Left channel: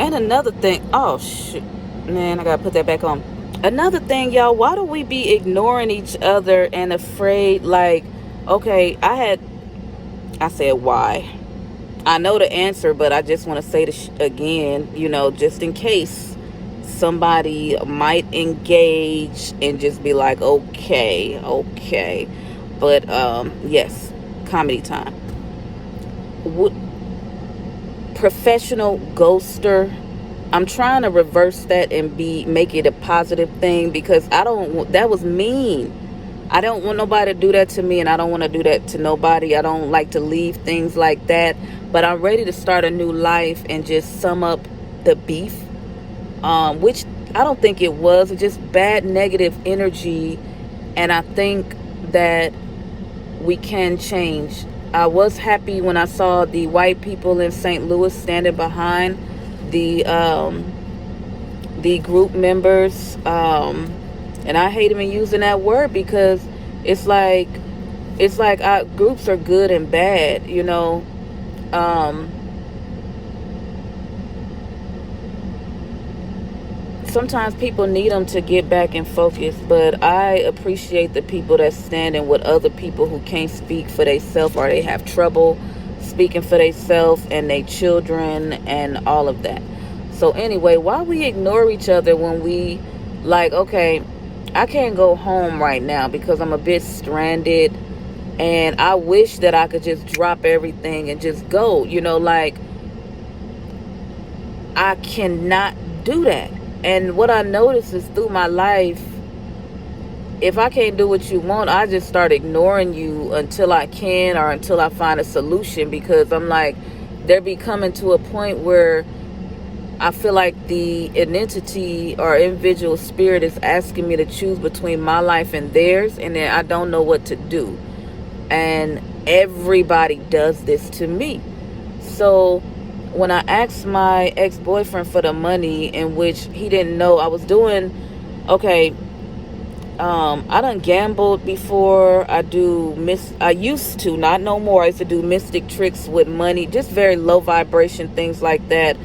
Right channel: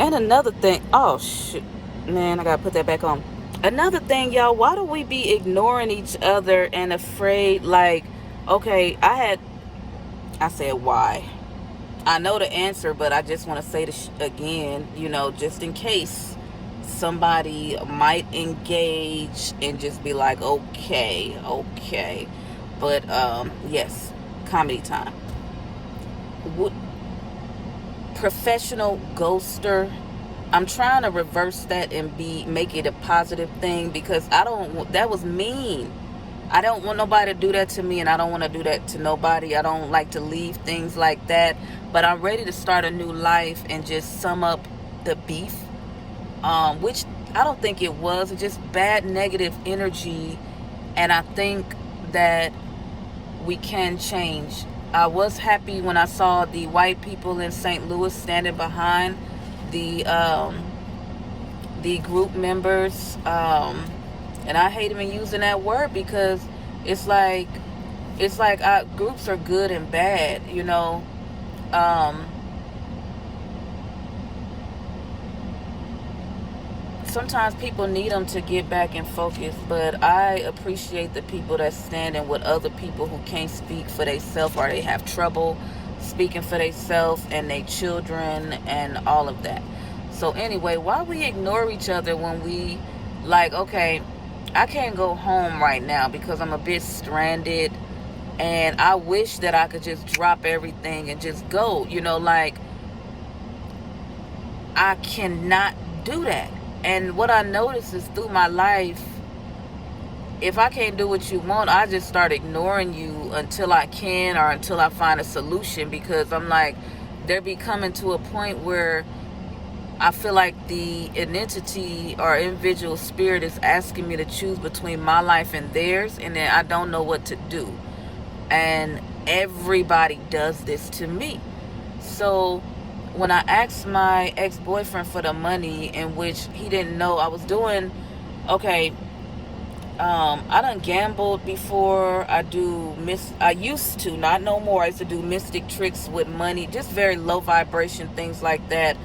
And another thing, oh shit, man, I gotta put that back on. Another thing, y'all, why do we be ignoring each other and afraid? Like, okay, I said why. I know the answer, but I just want to say this again, just in case somebody might engage and just be like, okay, okay. But, yes, comedy time. Professional ghoster. I'm trying to reverse that and make it a positive thing, because that was mean. I don't want nobody to do that to me, and I don't want to do that to nobody. I don't like to leave things like that, but I'm ready to start a new life and just sum up the beef, which I don't think it was. It's just bad negative energy, and I think that we can change. I was happy when I saw the white people in St. Louis standing behind the group members, and I hate even using that word, because it's like our groups are good and bad, sometimes people need them to get back in focus, but I appreciate the people that standing with other people who can't speak for themselves, or they have trouble speaking for themselves and their children and all of that. So anyway, why we ignore each other when we like, okay, I can't go home right now because I'm a bit stranded, and I wish that I could just drop everything and just go, like I cannot do that. And what I notice is through my life, if I can't do what you want, I just start ignoring you until I can, or until I find a solution, because I'm like, they're becoming to a point where I feel like the entity or individual spirit is asking me to choose between my life and theirs, and then I don't know what to do. And everybody does this to me. So when I asked my ex-boyfriend for the money, in which he didn't know I was doing, okay, I done gambled before. I used to, not no more. I used to do mystic tricks with money, just very low vibration things like that,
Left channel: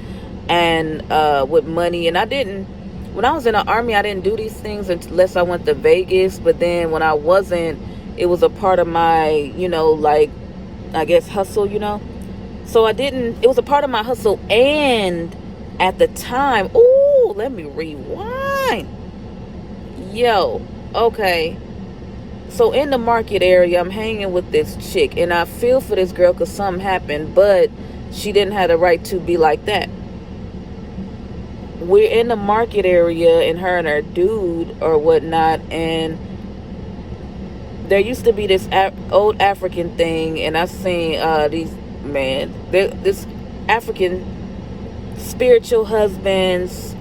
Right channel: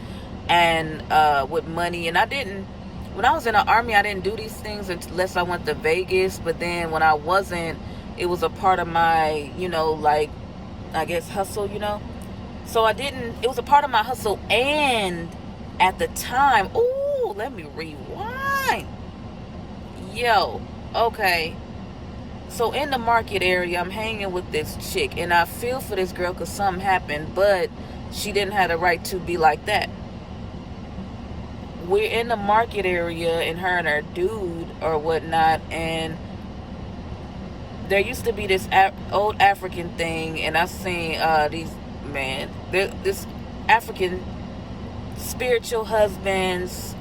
and with money. And when I was in the army, I didn't do these things unless I went to Vegas. But then when I wasn't, it was a part of my, like, I guess, hustle, So it was a part of my hustle. And at the time, let me rewind. Yo, okay. So in the market area, I'm hanging with this chick, and I feel for this girl because something happened, but she didn't have the right to be like that. We're in the market area, and her and her dude or whatnot, and there used to be this old African thing, and I've seen this African spiritual husbands,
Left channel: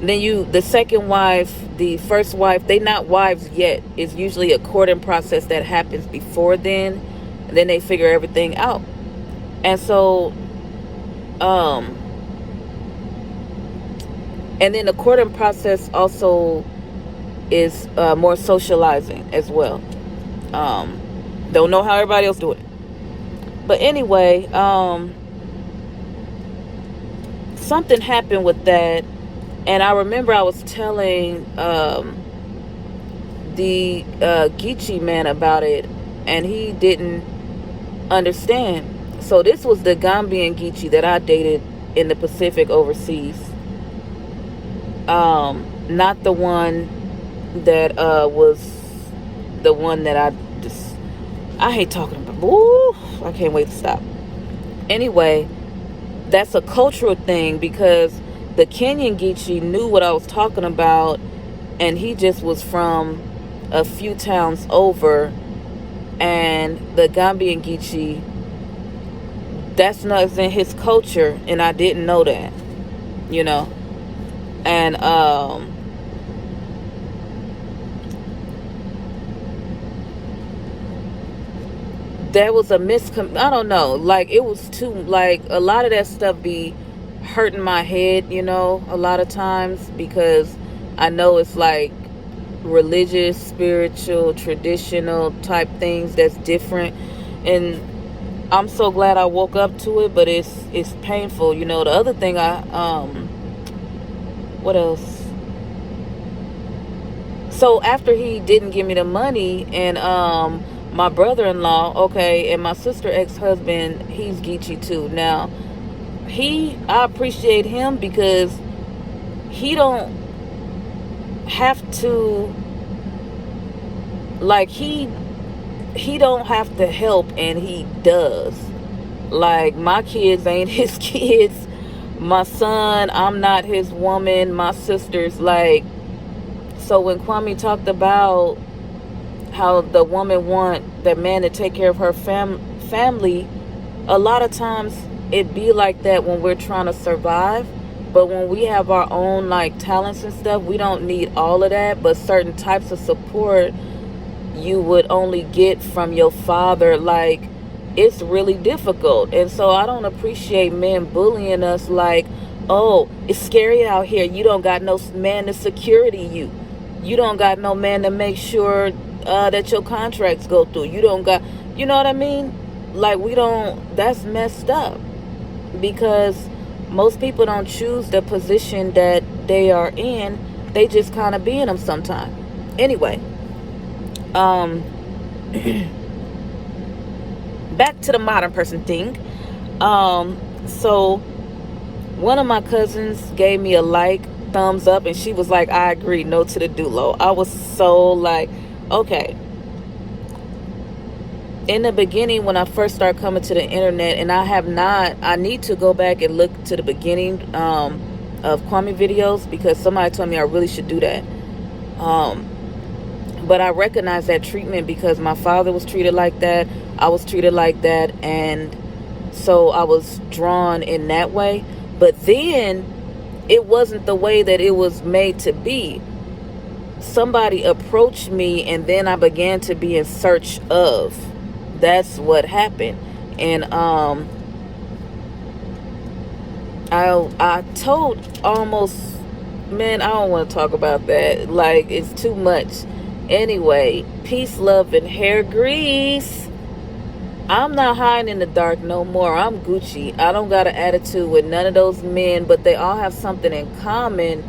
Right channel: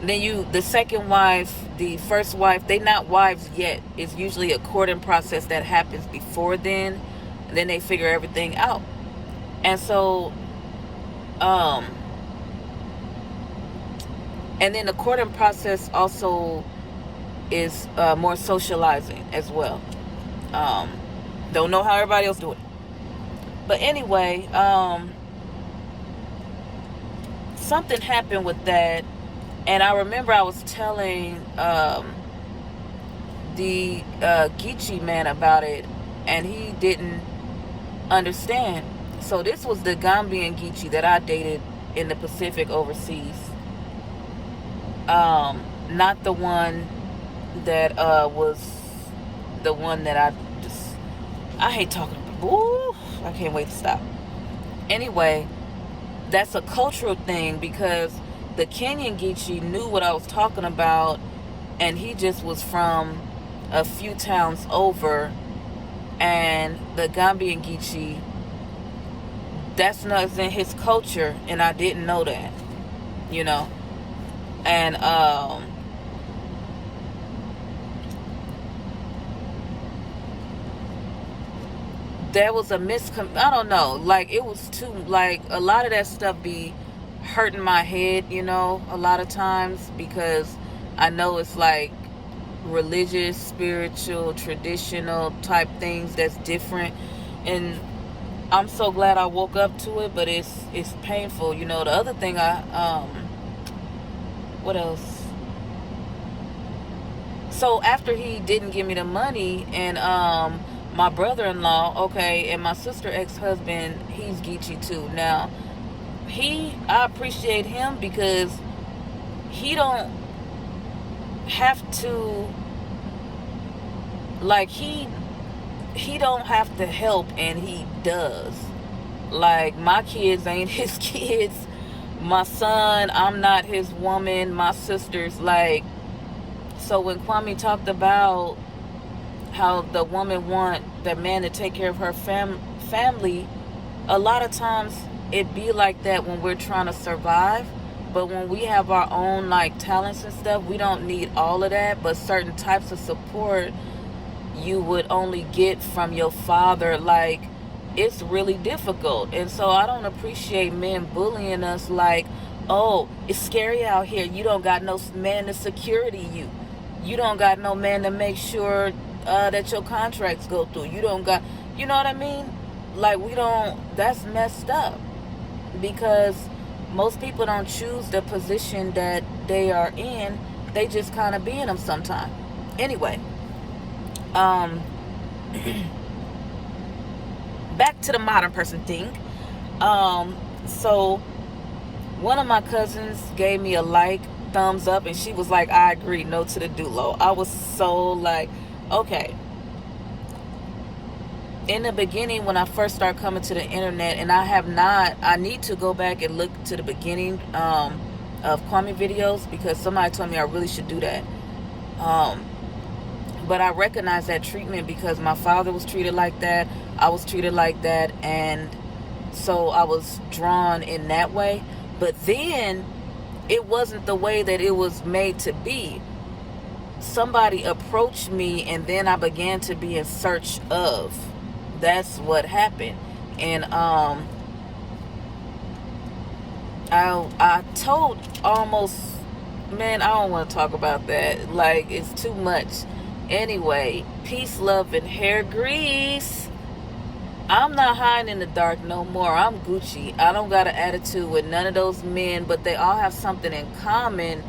then the second wife, the first wife, they not wives yet. It's usually a courting process that happens before then, and then they figure everything out. And so, and then the courting process also is more socializing as well. Don't know how everybody else do it. But anyway, something happened with that. And I remember I was telling the Geechee man about it, and he didn't understand. So this was the Gambian Geechee that I dated in the Pacific overseas. Not the one that was the one that I hate talking about. Ooh, I can't wait to stop. Anyway, that's a cultural thing, because the Kenyan Geechee knew what I was talking about, and he just was from a few towns over. And the Gambian Geechee, that's not in his culture, and I didn't know that, And there was a I don't know, like, it was too, like, a lot of that stuff be hurting my head, a lot of times, because I know it's like religious, spiritual, traditional type things that's different. And I'm so glad I woke up to it, but it's painful. You know, the other thing what else? So after he didn't give me the money, and my brother-in-law, okay, and my sister ex-husband, he's Geechee too. Now, I appreciate him because he don't have to, like, he don't have to help, and he does. Like, my kids ain't his kids. My son, I'm not his woman. My sister's, like, so when Kwame talked about how the woman want that man to take care of her family, a lot of times it be like that when we're trying to survive. But when we have our own, like, talents and stuff, we don't need all of that. But certain types of support you would only get from your father. Like, it's really difficult. And so I don't appreciate men bullying us like, oh, it's scary out here. You don't got no man to security you. You don't got no man to make sure that your contracts go through. You don't got, you know what I mean? Like, that's messed up. Because most people don't choose the position that they are in. They just kind of be in them sometime. Anyway, back to the modern person thing. So one of my cousins gave me a thumbs up, and she was like, I agree, no to the Dulo. I was so like, okay. In the beginning, when I first started coming to the internet, and I need to go back and look to the beginning of Kwame videos, because somebody told me I really should do that. But I recognize that treatment because my father was treated like that. I was treated like that. And so I was drawn in that way. But then it wasn't the way that it was made to be. Somebody approached me, and then I began to be in search of. That's what happened. And I told almost, man, I don't want to talk about that. Like, it's too much. Anyway, peace, love, and hair grease. I'm not hiding in the dark no more. I'm Gucci. I don't got an attitude with none of those men, but they all have something in common.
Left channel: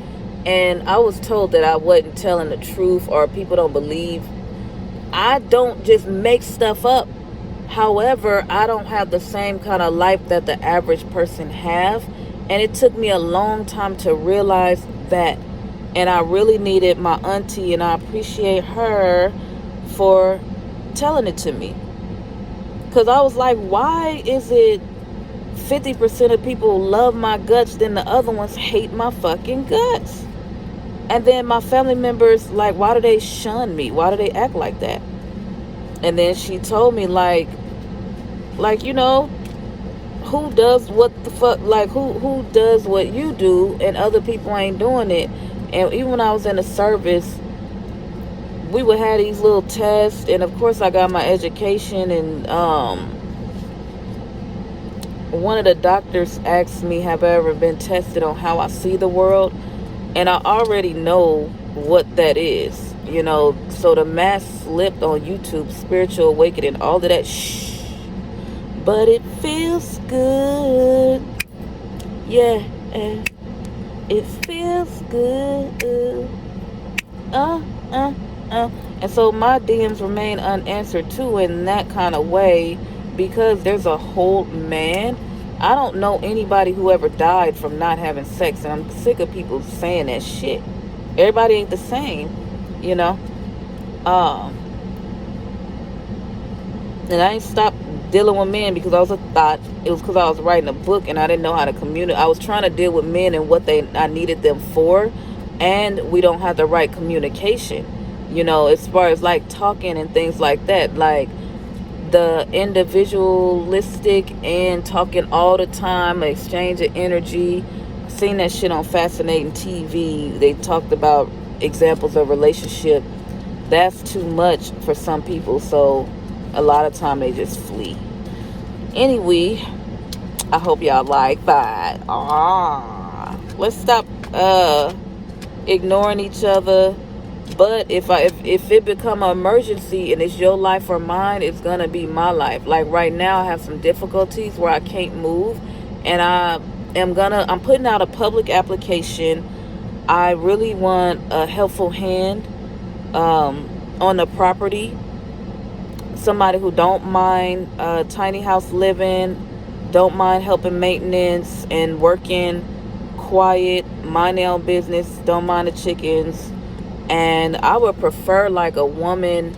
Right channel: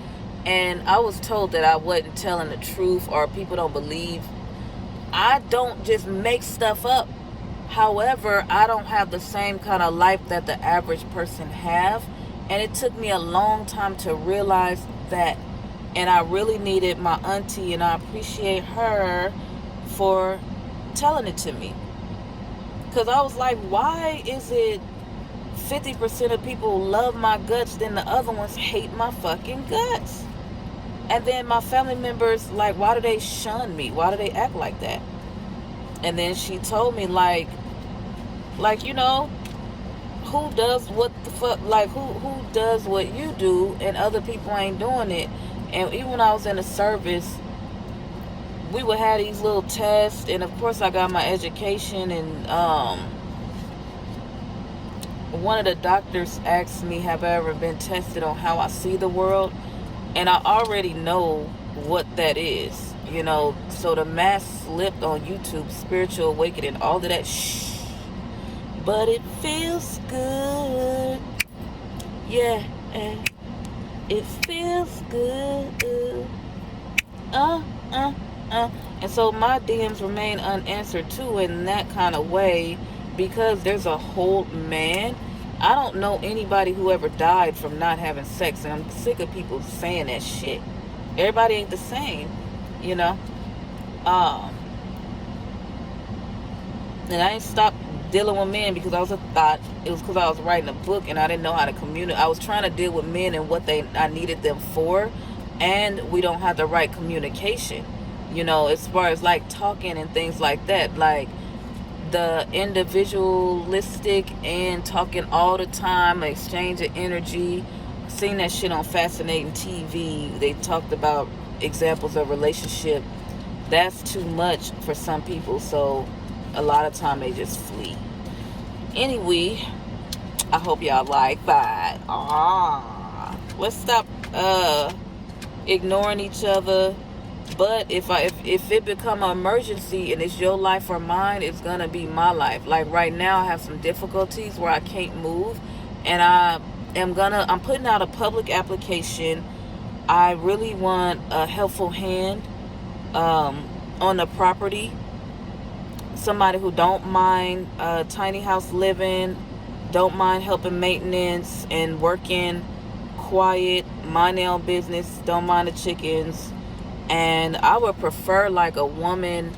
And I was told that I wasn't telling the truth, or people don't believe. I don't just make stuff up. However, I don't have the same kind of life that the average person have. And it took me a long time to realize that. And I really needed my auntie, and I appreciate her for telling it to me. Because I was like, why is it 50% of people love my guts, then the other ones hate my fucking guts? And then my family members, like, why do they shun me? Why do they act like that? And then she told me, like, you know, who does what the fuck, like, who does what you do, and other people ain't doing it. And even when I was in the service, we would have these little tests, and of course I got my education, and one of the doctors asked me, have I ever been tested on how I see the world? And I already know what that is, you know. So the mask slipped on YouTube, spiritual awakening, all of that but it feels good. Yeah, it feels good. And so my DMs remain unanswered too, in that kind of way, because there's a whole, man, I don't know anybody who ever died from not having sex, and I'm sick of people saying that shit. Everybody ain't the same, you know. And I ain't stopped dealing with men because I thought it was because I was writing a book and I didn't know how to communicate. I was trying to deal with men and what I needed them for, and we don't have the right communication, you know, as far as like talking and things like that. Like, the individualistic and talking all the time, exchange of energy. Seen that shit on Fascinating TV. They talked about examples of relationship. That's too much for some people, so a lot of time they just flee. Anyway, I hope y'all like that. Let's stop ignoring each other, But if it become an emergency and it's your life or mine, it's gonna be my life. Like right now, I have some difficulties where I can't move, and I'm putting out a public application. I really want a helpful hand on the property. Somebody who don't mind tiny house living, don't mind helping maintenance and working quiet, mind their own business, don't mind the chickens. And I would prefer like a woman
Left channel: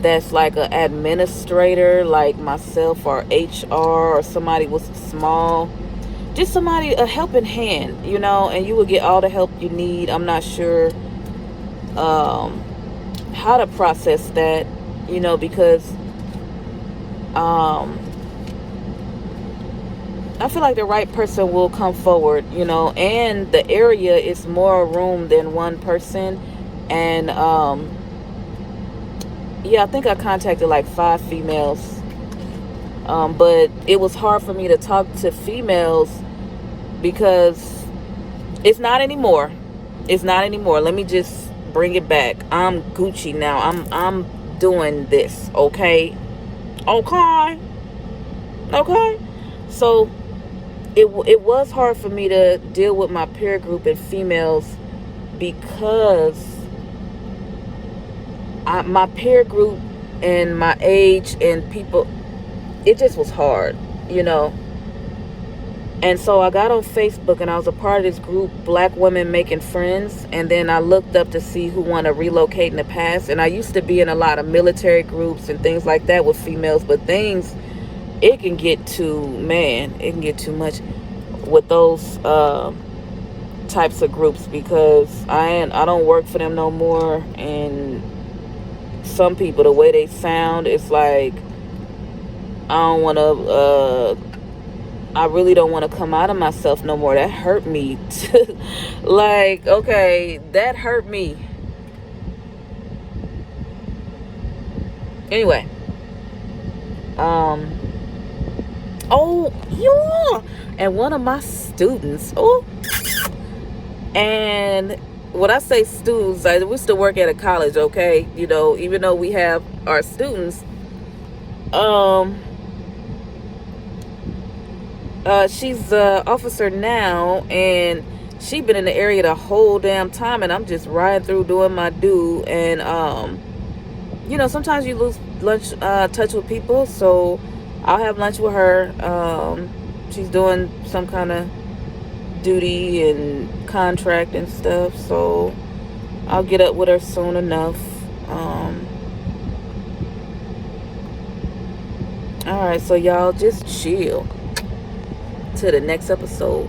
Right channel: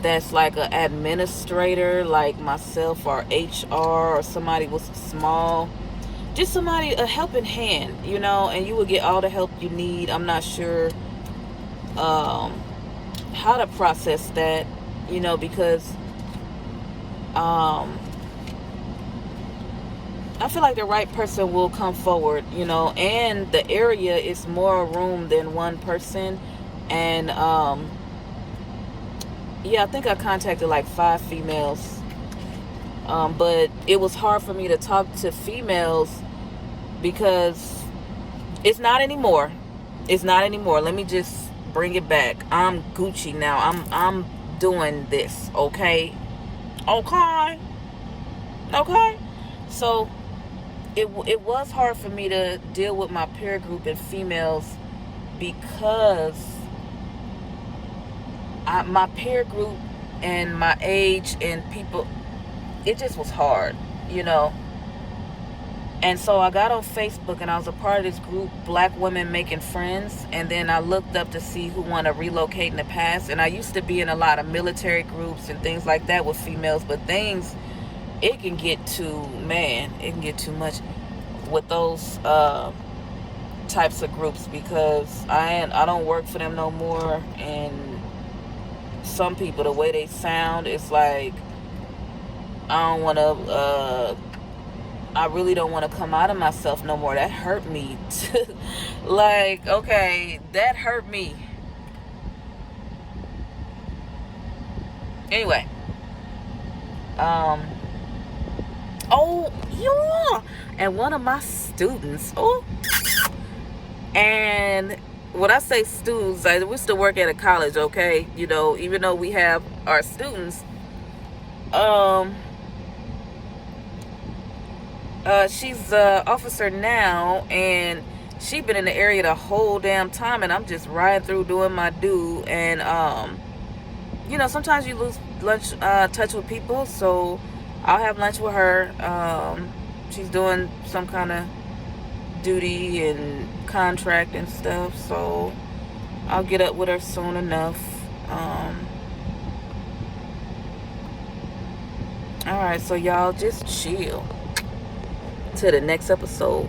that's like an administrator like myself, or HR, or somebody with small, just somebody, a helping hand, and you would get all the help you need. I'm not sure how to process that, because I feel like the right person will come forward, and the area is more room than one person. And I think I contacted like 5 females, but it was hard for me to talk to females because it's not anymore. Let me just bring it back. I'm Gucci now. I'm doing this, okay. So it was hard for me to deal with my peer group and females because my peer group and my age and people, it just was hard, And so I got on Facebook and I was a part of this group, Black Women Making Friends. And then I looked up to see who want to relocate in the past. And I used to be in a lot of military groups and things like that with females. But it can get too much with those types of groups, because I don't work for them no more. And some people, the way they sound, it's like I really don't want to come out of myself no more. That hurt me. Like, okay, that hurt me. Anyway. Oh, yeah. And one of my students, and when I say students, we still work at a college, okay? Even though we have our students, she's an officer now, and she been in the area the whole damn time, and I'm just riding through doing my due. And sometimes you lose touch with people, so I'll have lunch with her. She's doing some kind of duty and contract and stuff, so I'll get up with her soon enough. All right, so y'all just chill till the next episode.